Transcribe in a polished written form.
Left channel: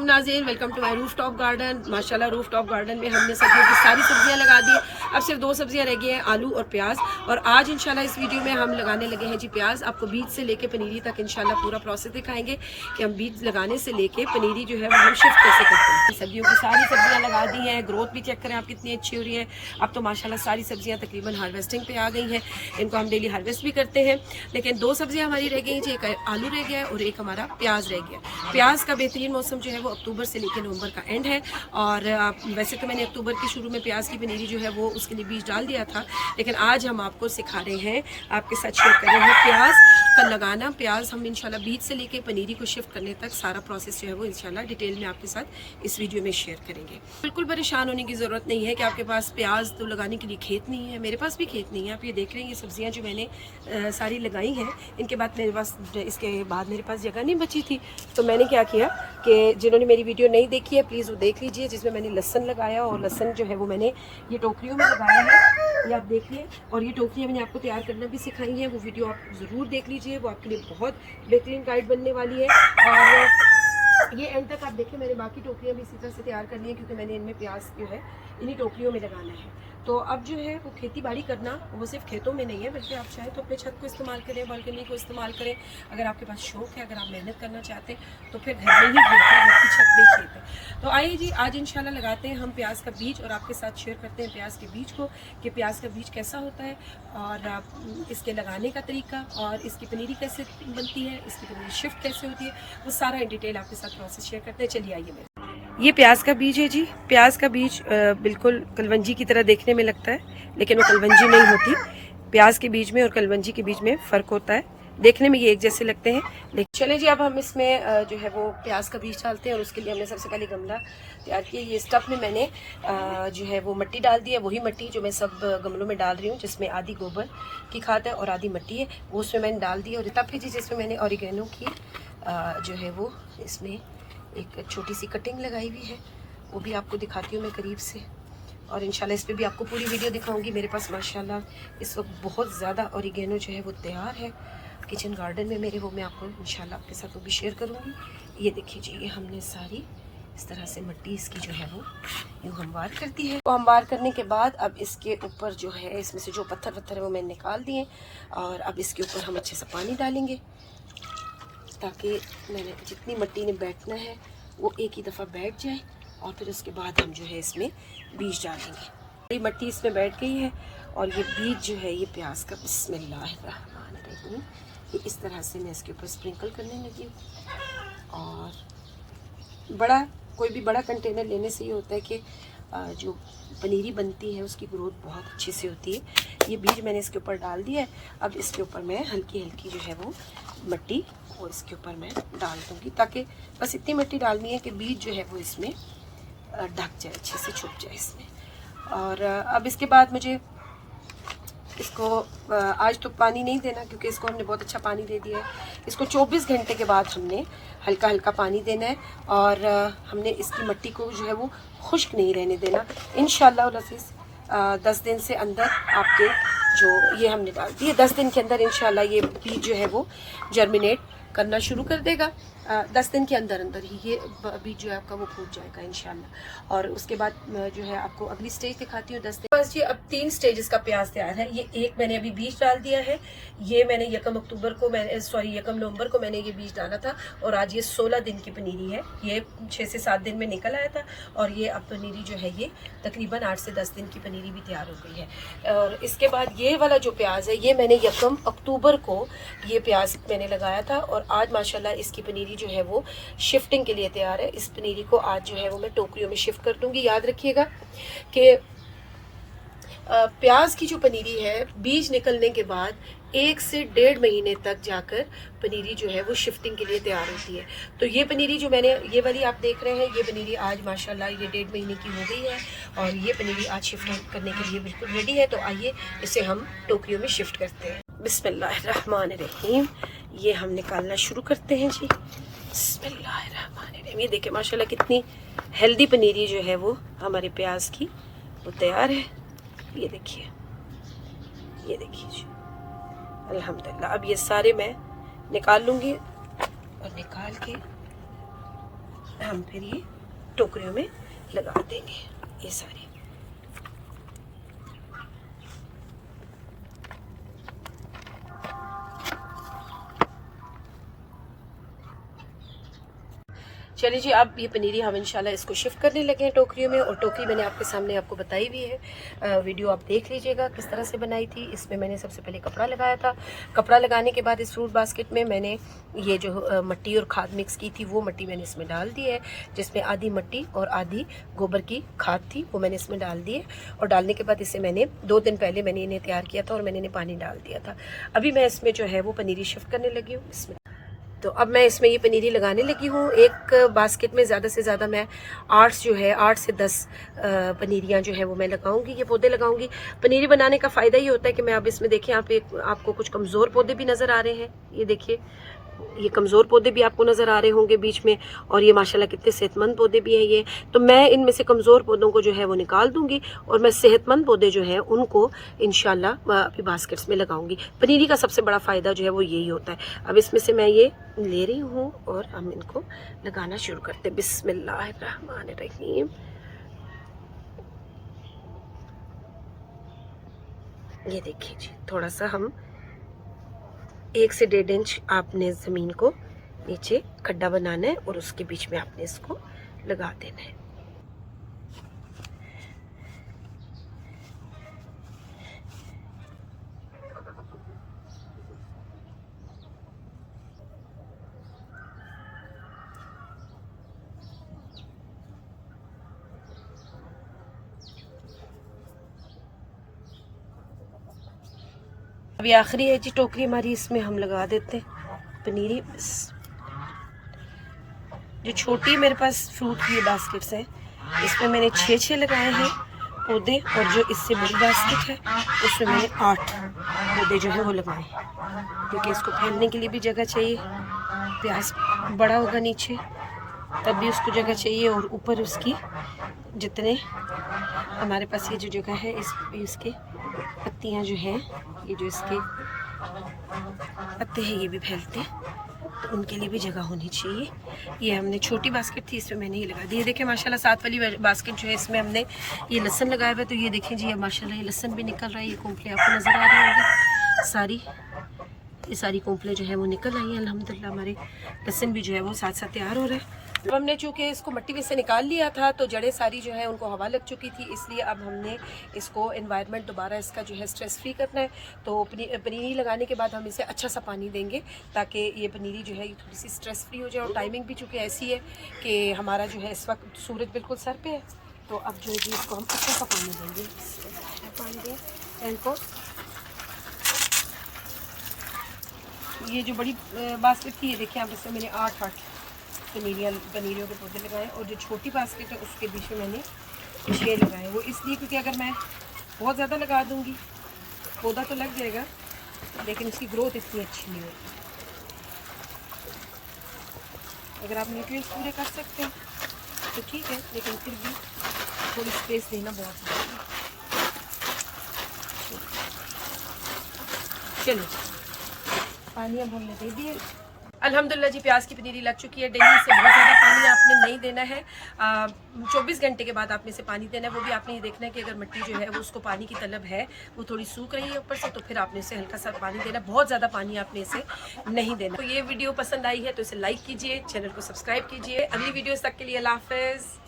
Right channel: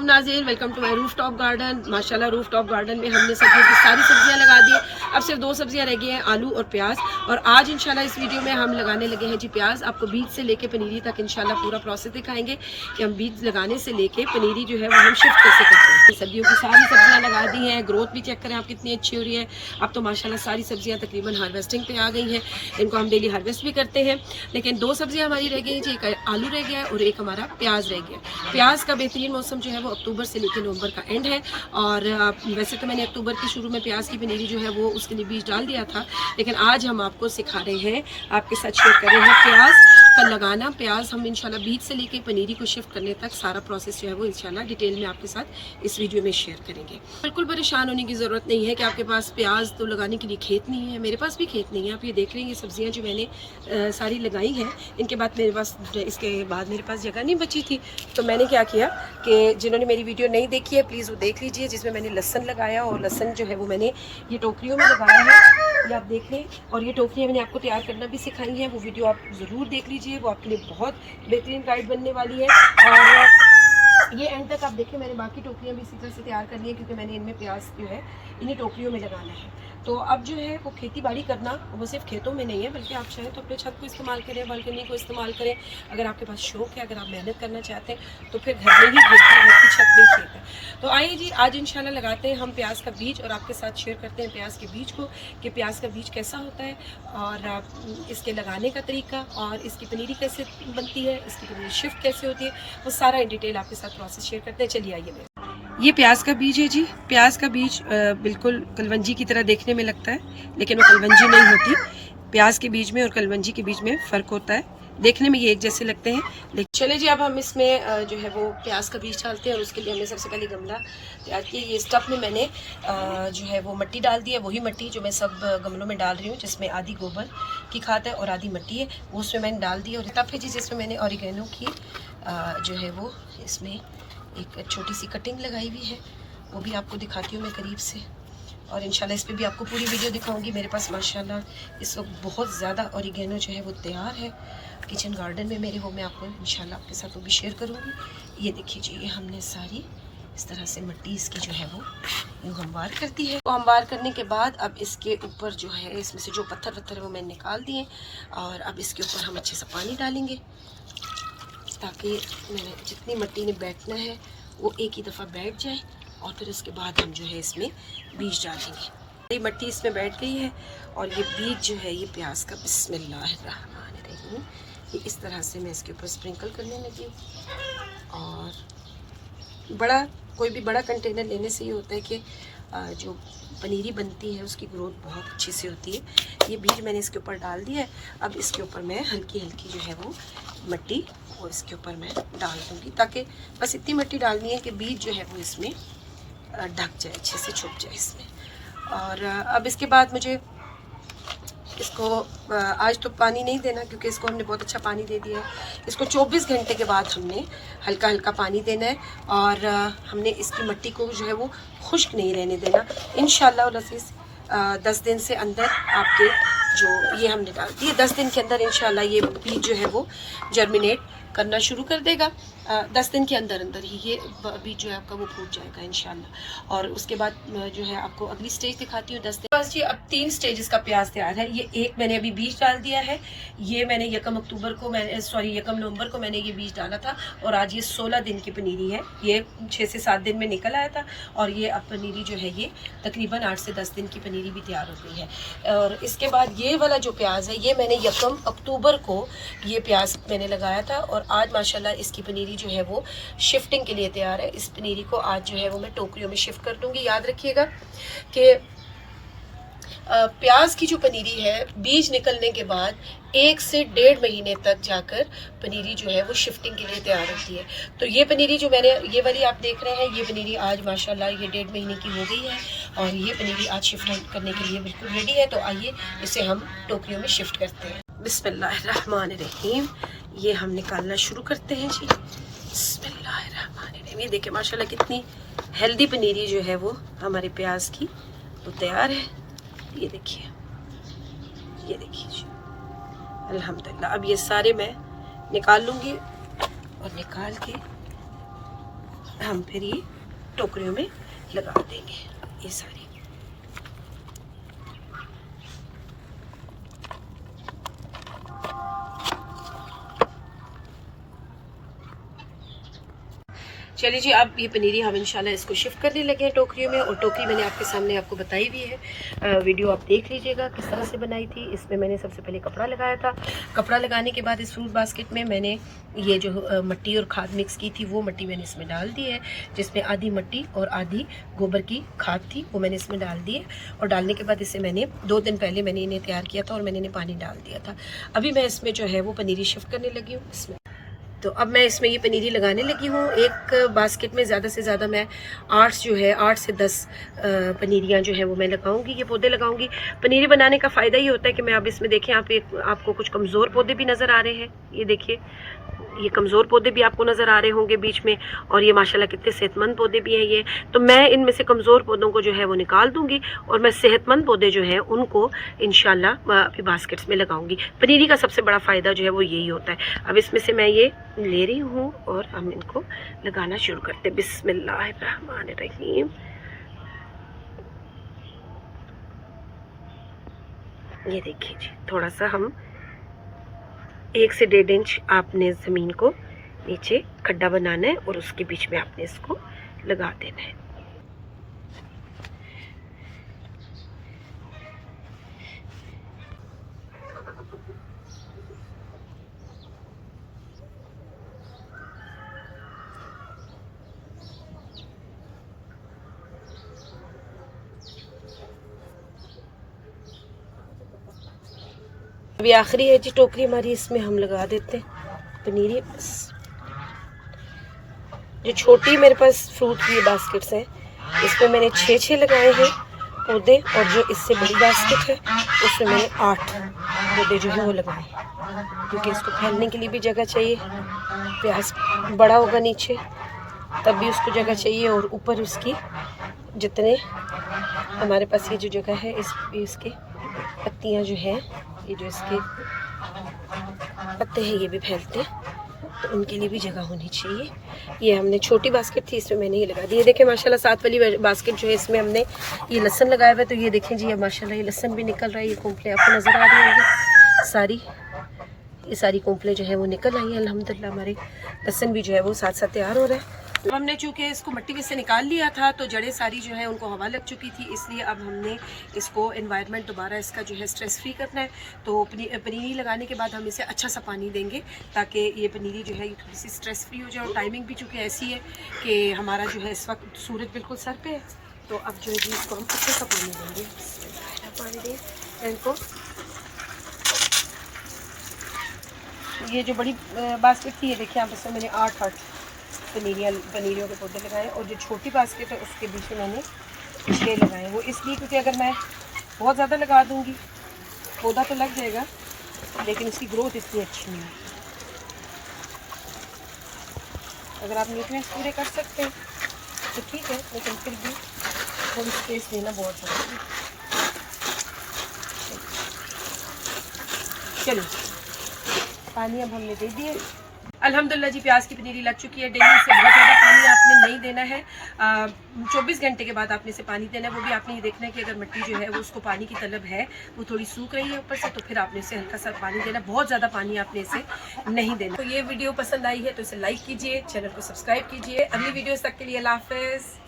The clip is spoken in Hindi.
नाज़रीन, welcome to my rooftop garden. माशाल्लाह रूफ टॉप गार्डन में हमने सब्जियों की सारी सब्जियां लगा दी है। अब सिर्फ 2 सब्जियां रह गई हैं, आलू और प्याज। और आज इंशाल्लाह इस वीडियो में हम लगाने लगे हैं जी प्याज। आपको बीज से लेके पनीरी तक इंशाल्लाह पूरा प्रोसेस दिखाएंगे कि हम बीज लगाने से लेके पनीरी जो है वो हम शिफ्ट कैसे करते हैं। सब्जियों की सारी सब्जियाँ लगा दी हैं, ग्रोथ भी चेक करें आप कितनी अच्छी हो रही है। अब तो माशाल्लाह सारी सब्जियाँ तकरीबन हार्वेस्टिंग पे आ गई हैं। इनको हम डेली हार्वेस्ट भी करते हैं। लेकिन 2 सब्जियाँ हमारी रह गई हैं, एक आलू रह गया है और एक हमारा प्याज रह गया। प्याज का बेहतरीन मौसम जो है वो अक्टूबर से लेकर नवंबर का एंड है। और वैसे तो मैंने अक्टूबर के शुरू में प्याज की पनीरी जो है वो उसके लिए बीज डाल दिया था, लेकिन आज हम आपको सिखा रहे हैं, आपके साथ शेयर कर रहे हैं प्याज का लगाना। प्याज हम इंशाल्लाह बीज से लेके पनीरी को शिफ्ट करने तक सारा प्रोसेस जो है वो इंशाल्लाह डिटेल में आपके साथ इस वीडियो में शेयर करेंगे। बिल्कुल परेशान होने की ज़रूरत नहीं है कि आपके पास प्याज तो लगाने के लिए खेत नहीं है। मेरे पास भी खेत नहीं है। आप ये देख रहे हैं, ये सब्जियाँ जो मैंने सारी लगाई हैं, इनके बाद मेरे पास इसके बाद मेरे पास जगह नहीं बची थी। तो मैंने क्या किया कि जिन्होंने मेरी वीडियो नहीं देखी है प्लीज़ वो देख लीजिए, जिसमें मैंने लहसन लगाया। और लहसन जो है वो मैंने ये टोकरियों में लगाया है, ये आप देख लें। और ये टोकरियाँ मैंने आपको तैयार करना भी सिखाई हैं, वो वीडियो आप ज़रूर देख लीजिए, वो आपके लिए बहुत बेहतरीन गाइड बनने वाली है। और ये एंड तक आप देखें, मैंने बाकी टोकरियाँ भी इसी तरह से तैयार करनी है, क्योंकि मैंने इनमें प्याज जो है इन्हीं टोकरियों में लगाना है। तो अब जो है वो खेती बाड़ी करना वो सिर्फ खेतों में नहीं है, बल्कि आप चाहें तो अपने छत को इस्तेमाल करें, बालकनी को इस्तेमाल करें। अगर आपके पास शौक़ है, अगर आप मेहनत करना चाहते हैं तो फिर घर में ही खेत है, घर की छत में ही खेत है। तो आइए जी, आज इंशाल्लाह लगाते हैं हम प्याज का बीज और आपके साथ शेयर करते हैं प्याज के बीज को, कि प्याज का बीज कैसा होता है और इसके लगाने का तरीका और इसकी पनीरी कैसे बनती है, इसकी पनीरी शिफ्ट कैसे होती है, वो सारा इन डिटेल आपके साथ प्रोसेस शेयर करते हैं। चलिए आइए। ये प्याज का बीज है जी। प्याज का बीज बिल्कुल कलवंजी की तरह देखने में लगता है, लेकिन वो कलवंजी नहीं होती। प्याज के बीज में और कलवंजी के बीज में फ़र्क होता है। देखने में ये एक जैसे लगते हैं, लेकिन चलिए जी, अब हम इसमें जो है वो प्याज का बीज डालते हैं। और उसके लिए हमने सबसे पहले गमला तैयार किया। ये स्टफ में मैंने जो है वो मिट्टी डाल दी है, वही मिट्टी जो मैं सब गमलों में डाल रही हूँ, जिसमें आधी गोबर की खाद है और आधी मिट्टी है, वो उसमें मैंने डाल दी है। और तब है जी जिसमें मैंने ऑरिगेनो की जो है वो इसमें एक छोटी सी कटिंग लगाई हुई है, वो भी आपको दिखाती हूँ मैं करीब से। और इंशाल्लाह इस पे भी आपको पूरी वीडियो दिखाऊंगी। मेरे पास माशाल्लाह इस वक्त बहुत ज़्यादा ऑरिगेनो जो है वो तैयार है किचन गार्डन में मेरे, वो मैं आपको इंशाल्लाह आपके साथ वो भी शेयर करूँगी। ये देखिए जी, ये हमने सारी इस तरह से मिट्टी इसकी जो है वो यूँ हमवार कर दी है। तो हमवार करने के बाद अब इसके ऊपर जो है, इसमें से जो पत्थर वत्थर है वो मैंने निकाल दिए। और अब इसके ऊपर हम अच्छे से पानी डालेंगे, ताकि मैंने जितनी मिट्टी ने बैठना है वो एक ही दफ़ा बैठ जाए। और फिर उसके बाद हम जो है इसमें बीज डालेंगे। ये मिट्टी इसमें बैठ गई है और ये बीज जो है ये प्याज का, बिस्मिल्लाहिर्रहमानिर्रहीम, ये इस तरह से मैं इसके ऊपर स्प्रिंकल करने लगी हूँ। और कोई भी बड़ा कंटेनर लेने से ये होता है कि जो पनीरी बनती है उसकी ग्रोथ बहुत अच्छी से होती है। ये बीज मैंने इसके ऊपर डाल दिया है। अब इसके ऊपर मैं हल्की हल्की जो है वो मिट्टी वो इसके ऊपर मैं डाल दूँगी, ताकि बस इतनी मिट्टी डालनी है कि बीज जो है वो इसमें ढक जाए, अच्छे से छुप जाए इसमें। और अब इसके बाद मुझे इसको आज तो पानी नहीं देना, क्योंकि इसको हमने बहुत अच्छा पानी दे दिया है। इसको 24 घंटे के बाद हमने हल्का हल्का पानी देना है। और हमने इसकी मिट्टी को जो है वो खुश्क नहीं रहने देना। इंशाल्लाह 10 दिन से अंदर आपके जो ये हमने डाल दिए, 10 दिन के अंदर इंशाल्लाह ये बीज जो है वो जर्मिनेट करना शुरू कर देगा। 10 दिन के अंदर अंदर ही ये बीज जो है आपका वो फूट जाएगा इंशाल्लाह। और उसके बाद जो है आपको अगली स्टेज दिखाती हूँ 10 दिन। बस जी, अब 3 स्टेजेस का प्याज तैयार है। ये एक मैंने अभी बीज डाल दिया है, ये मैंने 1 नवंबर को मैंने ये बीज डाला था। और आज ये 16 दिन की पनीरी है, ये 6 से 7 दिन में निकल आया था। और ये अब पनीरी जो है ये तकरीबन 8 से 10 दिन की पनीरी भी तैयार हो गई है। और इसके बाद ये वाला जो प्याज है, ये मैंने 1 अक्टूबर को ये प्याज मैंने लगाया था। और आज माशाल्लाह इसकी पनीरी जो है वो शिफ्टिंग के लिए तैयार है। इस पनीरी को आज जो है वो मैं टोकरियों में शिफ्ट कर दूंगी। याद रखिएगा कि प्याज की जो पनीरी है, बीज निकलने के बाद 1 से 1.5 महीने तक जाकर पनीरी जो है वो शिफ्टिंग के लिए तैयार होती है। तो ये पनीरी जो मैंने ये वाली आप देख रहे हैं, ये पनीरी आज माशाल्लाह ये 1.5 महीने की हो गई है। और ये पनीरी आज शिफ्ट करने के लिए बिल्कुल रेडी है। तो आइए इसे हम टोकरियों में शिफ्ट करते हैं। बिस्मिल्लाहिर्रहमानिर्रहीम, ये हम निकालना शुरू करते हैं जी। बिस्मिल्लाहिर्रहमानिर्रहीम, ये देखिए माशाल्लाह कितनी हेल्दी पनीरी जो है वो हमारे प्याज की वो तैयार है। ये देखिए जी, अल्हम्दुलिल्लाह। अब ये सारे मैं निकाल लूँगी और निकाल के हम फिर ये टोकरियों में लगा देंगे ये सारी। चलिए जी, अब ये पनीरी हम इंशाल्लाह इसको शिफ्ट करने लगे हैं टोकरियों में। और टोकरी मैंने आपके सामने आपको बताई हुई है, वीडियो आप देख लीजिएगा किस तरह से बनाई थी। इसमें मैंने सबसे पहले कपड़ा लगाया था। कपड़ा लगाने के बाद इस फ्रूट बास्केट में मैंने ये जो मट्टी और खाद मिक्स की थी वो मट्टी मैंने इसमें डाल दी है, जिसमें आधी मट्टी और आधी गोबर की खाद थी, वो मैंने इसमें डाल दी है। और डालने के बाद इसे मैंने 2 दिन पहले मैंने इन्हें तैयार किया था और मैंने इन्हें पानी डाल दिया था। अभी मैं इसमें जो है वो पनीरी शिफ्ट करने लगी हूँ इसमें। तो अब मैं इसमें ये पनीरी लगाने लगी हूँ। एक बास्केट में ज़्यादा से ज़्यादा मैं 8 से 10 पनीरियाँ जो है वो मैं लगाऊंगी, ये पौधे लगाऊंगी। पनीरी बनाने का फ़ायदा ये होता है कि मैं अब इसमें देखें आपको कुछ कमज़ोर पौधे भी नज़र आ रहे हैं। ये देखिए, ये कमज़ोर पौधे भी आपको नज़र आ रहे होंगे बीच में, और ये माशाल्लाह कितने सेहतमंद पौधे भी हैं ये। तो मैं इनमें से कमज़ोर पौधों को जो है वो निकाल दूंगी और मैं सेहतमंद पौधे जो हैं उनको इंशाल्लाह अभी बास्केट्स में लगाऊंगी। पनीरी का सबसे बड़ा फ़ायदा जो है वो यही होता है। अब इसमें से मैं ये ले रही हूँ और हम इनको लगाना शुरू करते हैं। बिस्मिल्लाहिर्रहमानिर्रहीम। ये देखिए जी, थोड़ा सा हम 1 से 1.5 इंच आपने ज़मीन को नीचे खड्डा बनाना है और उसके बीच में आपने इसको लगा देना है। अभी आखिरी है जी टोकरी हमारी, इसमें हम लगा देते हैं पनीरी। जो छोटी मेरे पास फ्रूट की बास्केट्स हैं इसमें मैंने 6 लगाए हैं पौधे, और जो इससे बड़ी बास्केट है उसमें मैंने 8 पौधे जो है वो लगाए हैं, क्योंकि इसको फैलने के लिए भी जगह चाहिए। प्याज बड़ा होगा नीचे तब भी उसको जगह चाहिए, और ऊपर उसकी जितने हमारे पास ये जो जगह है इसके पत्तियां जो हैं, ये जो इसके पत्ते हैं ये भी फैलते, तो उनके लिए भी जगह होनी चाहिए। ये हमने छोटी बास्केट थी, इसमें मैंने ये लगा दी। ये देखें माशाल्लाह 7 वाली बास्केट जो है इसमें हमने ये लहसन लगाया हुआ है। तो ये देखें जी, ये माशाल्लाह ये लहसन भी निकल रहा है। ये कोंपलें आपको नज़र आ रही होंगी सारी, ये सारी कोंपलें जो है वो निकल आई हैं अल्हम्दुलिल्लाह। हमारे लहसन भी जो है वो साथ साथ तैयार हो रहा है। तो हमने चूँकि इसको मिट्टी में से निकाल लिया था तो जड़ें सारी जो है उनको हवा लग चुकी थी, इसलिए अब हमने इसको एनवायरनमेंट दोबारा इसका जो है स्ट्रेस फ्री करना है। तो पनीरी लगाने के बाद हम इसे अच्छा सा पानी देंगे ताकि ये पनीरी जो है ये थोड़ी सी स्ट्रेस फ्री हो जाए। और टाइमिंग भी चूँकि ऐसी है कि हमारा जो है इस वक्त सूरज बिल्कुल सर पे है, तो अब जो है जी इसको हम अच्छा सा पानी देंगे। इनको ये जो बड़ी बास्केट थी, ये देखिए आप, इसमें मैंने 8 पनीरियों के पौधे लगाए, और जो छोटी बास्केट है उसके बीच में मैंने 6 लगाए। वो इसलिए क्योंकि अगर मैं बहुत ज़्यादा लगा दूंगी पौधा तो लग जाएगा लेकिन इसकी ग्रोथ इतनी अच्छी नहीं होगी। अगर आप न्यूट्रिएंट्स पूरे कर सकते हैं तो ठीक है, लेकिन फिर भी थोड़ी स्पेस देना बहुत ज़रूरी है। चलिए, पानी अब हमने दे दिए। अल्हम्दुलिल्लाह जी, प्याज की पनीरी लग चुकी है। डेली से बहुत ज़्यादा पानी आपने नहीं देना है, 24 घंटे के बाद आपने इसे पानी देना है। वो भी आपने ये देखना है कि अगर मिट्टी जो है वो उसको पानी की तलब है, वो थोड़ी सूख रही है ऊपर से, तो फिर आपने इसे हल्का सा पानी देना है। बहुत ज़्यादा पानी आपने इसे नहीं देना। तो ये वीडियो पसंद आई है तो इसे लाइक कीजिए, चैनल को सब्सक्राइब कीजिए। अगली वीडियोज़ तक के लिए अल्लाह हाफ़िज़।